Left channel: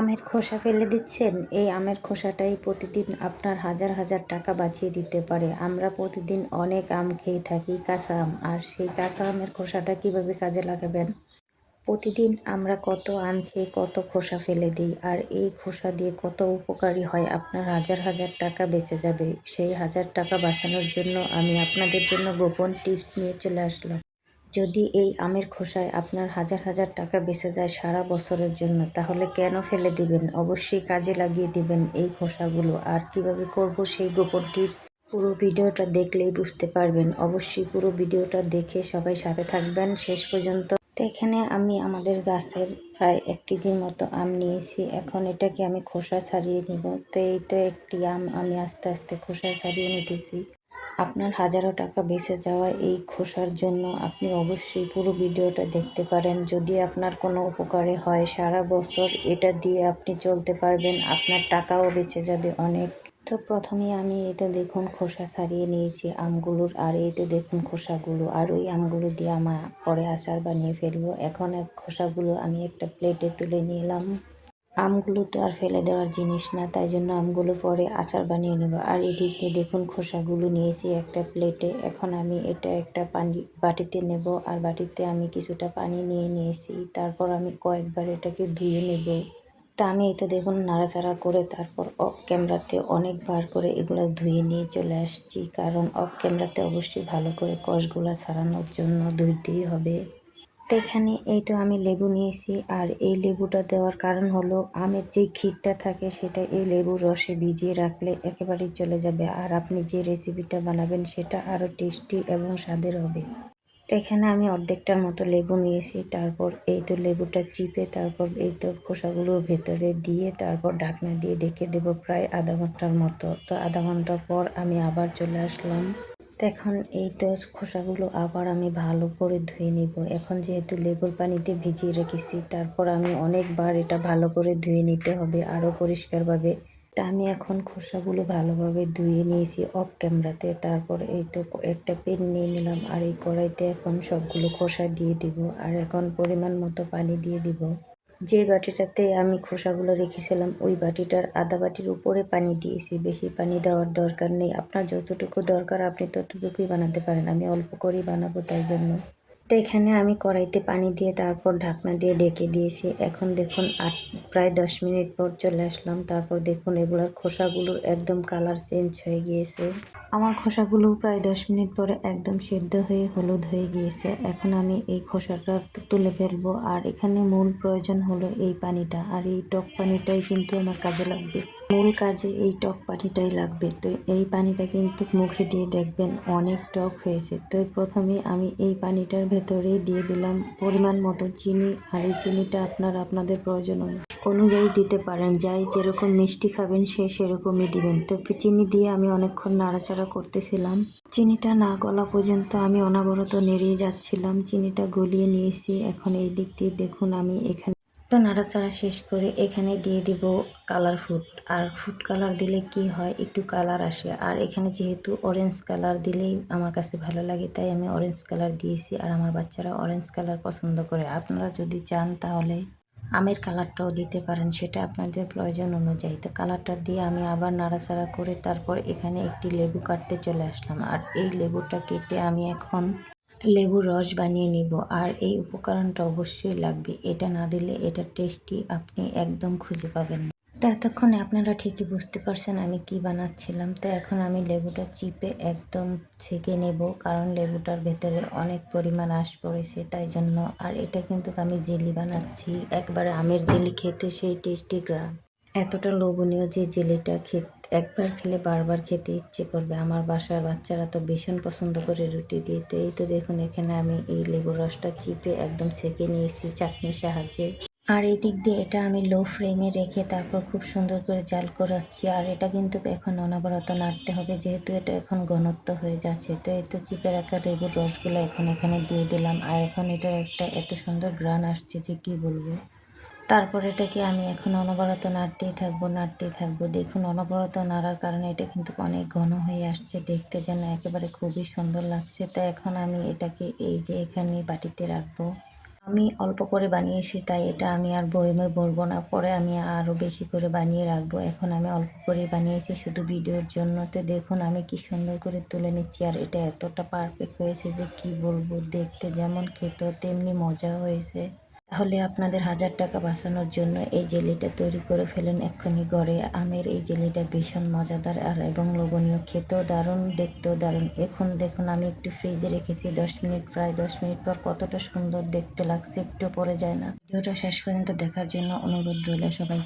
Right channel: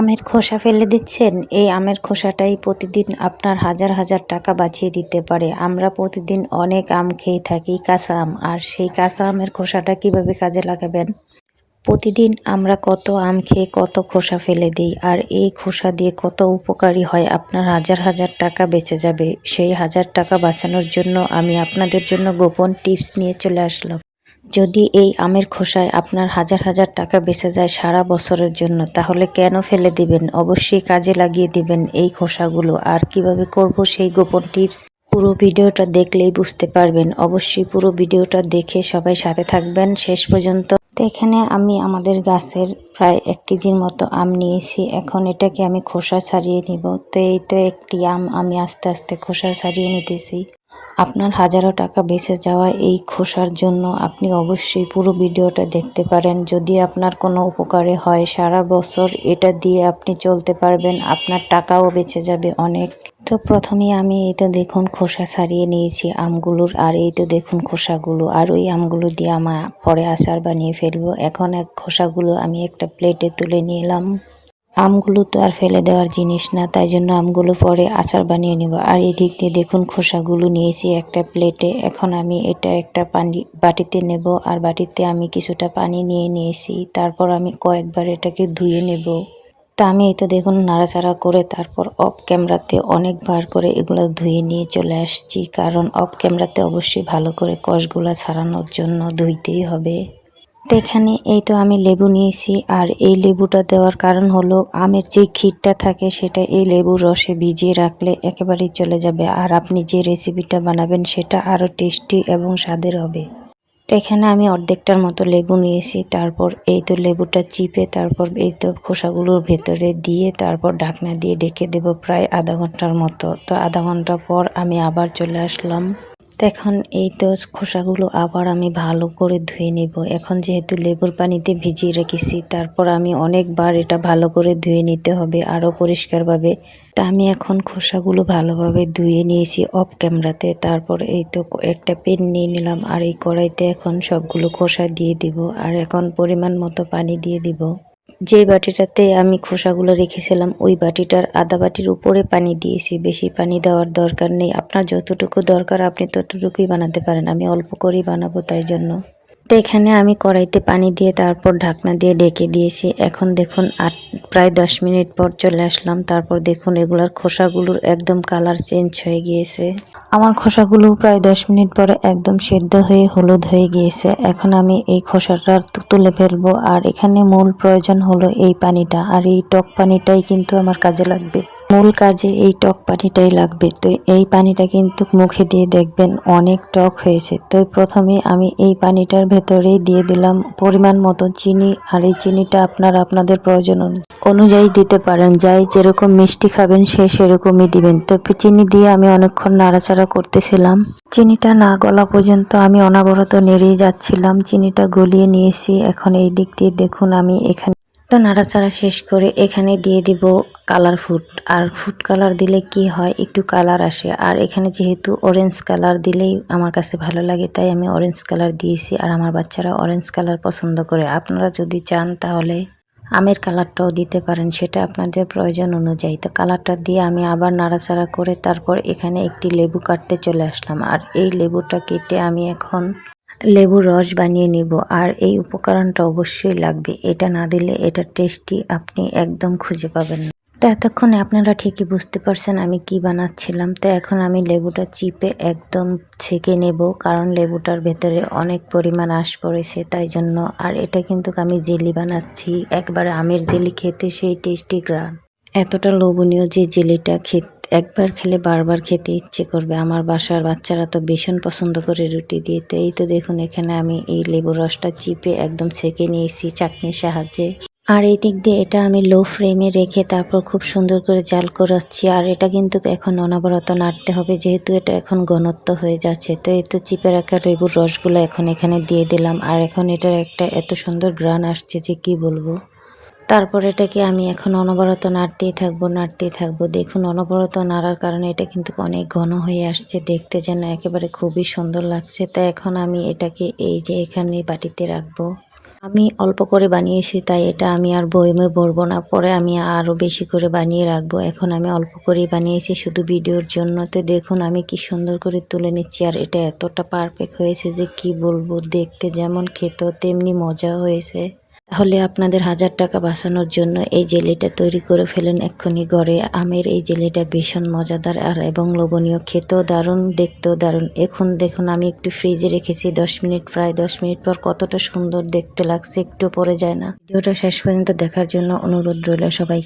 আমের খোসা ফেলে দিচ্ছেন? এই আমের খোসাটাই প্রতিদিন আপনার হাজার হাজার টাকা বাঁচিয়ে দিতে পারে। আমরা প্রতিদিন অনেক আম খেয়ে থাকি, কাঁচা আম। আর সেই কাঁচা আমের খোসাটা কিভাবে কাজে লাগাবেন? প্রতিদিন আমরা কত আম খেয়ে কত খোসা ফেলে দিই, আর এই খোসা দিয়ে কত উপকারী হয়। আপনার হাজার হাজার টাকা বেঁচে যাবে। সেই হাজার টাকা বাঁচানোর জন্য আমি আপনাদের জন্য গোপন টিপস নিয়ে চলে আসলাম। যদি এই আমের খোসায় আপনার হাজার হাজার টাকা বেঁচে যায় সারা বছরের জন্য, তাহলে কেন ফেলে দিবেন? অবশ্যই কাজে লাগিয়ে দিবেন এই খোসাগুলো। আর কিভাবে করব সেই গোপন টিপস পুরো ভিডিওটা দেখলেই বুঝতে পারবেন। অবশ্যই পুরো ভিডিওটা দেখে সবাই সাথে থাকবেন শেষ পর্যন্ত। তো এখানে আমি আমাদের গাছের প্রায় 1 কেজির মতো আম নিয়েছি। এখন এটাকে আমি খোসা ছাড়িয়ে নিব। তো এই তো একটি আম আমি আস্তে আস্তে খোসা ছাড়িয়ে নিতেছি। আপনার হাজারো টাকা বেঁচে যাওয়া এই খোসার জন্য আপনি অবশ্যই পুরো ভিডিওটা দেখতে পারেন। যদি আপনার কোনো উপকারে হয়, সারা বছর এটা দিয়ে আপনি চলতে পারবেন, আপনার টাকাও বেঁচে যাবে অনেক। তো প্রথমেই আমি এই তো দেখুন খোসা ছাড়িয়ে নিয়েছি আমগুলোর, আর এই তো দেখুন খোসাগুলো। আর ওই আমগুলো দিয়ে আমার পরে আচার বানিয়ে ফেলবো। এখন খোসাগুলো আমি একটা প্লেটে তুলে নিলাম। আমগুলো তো আর ফেলে দেওয়ার জিনিস না, তাই জন্য আমগুলো পরে আচার বানিয়ে নেব। আর এদিক দিয়ে দেখুন খোসাগুলো নিয়েছি একটা প্লেটে। এখন আমি এটা একটা বাটিতে নেব, আর বাটিতে আমি কিছুটা পানি নিয়ে নিয়েছি। তারপর আমি কয়েকবার এটাকে ধুয়ে নেব। তা আমি এই তো দেখুন নাড়াচাড়া করে তারপর অফ ক্যামেরাতে অনেকবার করে এগুলো ধুয়ে নিয়ে চলে আসছি, কারণ অফ ক্যামেরাতে অবশ্যই ভালো করে কষগুলা ছাড়ানোর জন্য ধুইতেই হবে। তো এখানে এই তো আমি লেবু নিয়েছি, আর এই লেবুটা দেওয়ার কারণ হলো আমের যে ক্ষীরটা থাকে সেটা এই লেবুর রসে ভিজিয়ে রাখলে একেবারেই চলে যাবে, আর আপনি যে রেসিপিটা বানাবেন সেটা আরও টেস্টি এবং স্বাদের হবে। তো এখানে আমি অর্ধেকটার মতো লেবু নিয়েছি। তারপর এই তো লেবুটা চিপে তারপর এই তো খোসাগুলোর ভেতরে দিয়ে তারপর ঢাকনা দিয়ে ঢেকে দেব প্রায় আধা ঘন্টার মতো। তো আধা ঘন্টা পর আমি আবার চলে আসলাম। তো এখন এই তো খোসাগুলো আবার আমি ভালো করে ধুয়ে নিব। এখন যেহেতু লেবুর পানিতে ভিজিয়ে রেখেছি, তারপর আমি অনেকবার এটা ভালো করে ধুয়ে নিতে হবে আরও পরিষ্কারভাবে। তা আমি এখন খোসাগুলো ভালোভাবে ধুয়ে নিয়েছি অফ ক্যামেরাতে। তারপর এই তো একটা পেন নিয়ে নিলাম, আর এই কড়াইতে এখন সবগুলো খোসা দিয়ে দিব। আর এখন পরিমাণ মতো পানি দিয়ে দিব। যে বাটিটাতে আমি খোসাগুলো রেখেছিলাম ওই বাটিটার আধা বাটির উপরে পানি দিয়েছি। বেশি পানি দেওয়ার দরকার নেই, আপনার যতটুকু দরকার আপনি ততটুকুই বানাতে পারেন। আমি অল্প করেই বানাবো, তাই জন্য। তো এখানে আমি কড়াইতে পানি দিয়ে তারপর ঢাকনা দিয়ে ঢেকে দিয়েছি। এখন দেখুন প্রায় 10 মিনিট পর চলে আসলাম। তারপর দেখুন এগুলার খোসাগুলোর একদম কালার চেঞ্জ হয়ে গিয়েছে। আমার খোসাগুলো প্রায় 10 মিনিট পরে একদম সেদ্ধ হয়ে হলুদ হয়ে গিয়েছে। এখন আমি এই খোসাটা তুলে ফেলবো। আর এখানে মূল প্রয়োজন হলো এই পানিটা, আর এই টক পানিটাই কিন্তু আমার কাজে লাগবে। মূল কাজে এই টক পানিটাই লাগবে। তো এই পানিটা কিন্তু মুখে দিয়ে দেখবেন অনেক টক হয়েছে। তো প্রথমে আমি এই পানিটার ভেতরেই দিয়ে দিলাম পরিমাণ মতো চিনি, আর এই চিনিটা আপনারা আপনাদের প্রয়োজন অনুযায়ী দিতে পারেন। যাই যেরকম মিষ্টি খাবেন সে সেরকমই দিবেন। তো চিনি দিয়ে আমি অনেকক্ষণ নাড়াচাড়া করতেছিলাম। চিনিটা না গলা পর্যন্ত আমি অনবরত নেড়েই যাচ্ছিলাম। চিনিটা গলিয়ে নিয়েছি। এখন এই দিক দিয়ে দেখুন আমি এখানে তো নাড়াচাড়া শেষ করে এখানে দিয়ে দিব কালার ফুড। আর ফুড কালার দিলে কি হয়, একটু কালার আসে। আর এখানে যেহেতু অরেঞ্জ কালার দিলেই আমার কাছে ভালো লাগে, তাই আমি অরেঞ্জ কালার দিয়েছি। আর আমার বাচ্চারা অরেঞ্জ কালার পছন্দ করে। আপনারা যদি চান তাহলে আমের কালারটাও দিতে পারেন, সেটা আপনাদের প্রয়োজন অনুযায়ী। তো কালারটা দিয়ে আমি আবার নাড়াচাড়া করে তারপর এখানে একটি লেবু কাটতে চলে আসলাম। আর এই লেবুটা কেটে আমি এখন লেবুর রস বানিয়ে নিব। আর এই উপকরণটা অবশ্যই লাগবে, এটা না দিলে এটা টেস্টি আপনি একদম খুঁজে পাবেন না। তো এতক্ষণে আপনারা ঠিকই বুঝতে পারছেন আমি কি বানাচ্ছিলাম। তো এখন আমি লেবুটা চিপে একদম ছেঁকে নেব, কারণ লেবুটার ভেতরে অনেক পরিমাণ আঁশ পড়েছে, তাই জন্য। আর এটা কিন্তু আমি জেলি বানাচ্ছি, একবারে আমের জেলি খেতে সেই টেস্টি গ্রান, এতটা লোভনীয় যে জেলিটা একবার খেলে বারবার খেতে ইচ্ছে করবে। আমার বাসার বাচ্চারা তো ভীষণ পছন্দ করে রুটি দিয়ে। তো এই তো দেখুন এখানে আমি এই লেবুর রসটা চিপে একদম ছেঁকে নিয়েছি চাকনির সাহায্যে। আর এই দিক দিয়ে এটা আমি লো ফ্লেমে রেখে তারপর খুব সুন্দর করে জাল করাচ্ছি। আর এটা কিন্তু এখন অনবরত নাড়তে হবে, যেহেতু এটা এখন ঘনত্ব হয়ে যাচ্ছে। তো এই তো চিপে রাখা লেবুর রসগুলো এখন এখানে দিয়ে দিলাম। আর এখন এটার একটা এত সুন্দর ঘ্রাণ আসছে যে কি বলবো। তারপর এটাকে আমি এখন অনবরত নাড়তেই থাকবো। দেখুন অনবরত নাড়ার কারণে এটা কিন্তু অনেক ঘন হয়ে আসছে, দেখতে যেন একেবারে খুবই সুন্দর লাগছে। তো এখন আমি এটাকে এই যে এখানে বাটিতে রাখবো। আমি অল্প করে বানিয়েছি তাই এটা আমি আর বয়মে ভরবো না। পরে আমি আরও বেশি করে বানিয়ে রাখবো। এখন আমি অল্প করেই বানিয়েছি শুধু ভিডিওর জন্য। তো দেখুন আমি কি সুন্দর করে তুলে নিচ্ছি আর এটা এতটা পারফেক্ট হয়েছে যে কি বলবো, দেখতে যেমন খেতেও তেমনি মজা হয়েছে। তাহলে আপনাদের 1000 টাকা বাঁচানোর জন্য এই জেলিটা তৈরি করে ফেলেন এক্ষুনি ঘরে। আমের এই জেলিটা ভীষণ মজাদার আর এবং লোভনীয়, খেতেও দারুণ, দেখতেও দারুণ। এখন দেখুন আমি একটু ফ্রিজে রেখেছি 10 মিনিট, প্রায় 10 মিনিট পর কতটা সুন্দর দেখতে লাগছে, একটু পরে যায় না। ভিডিওটা শেষ পর্যন্ত দেখার জন্য অনুরোধ রইল সবাই।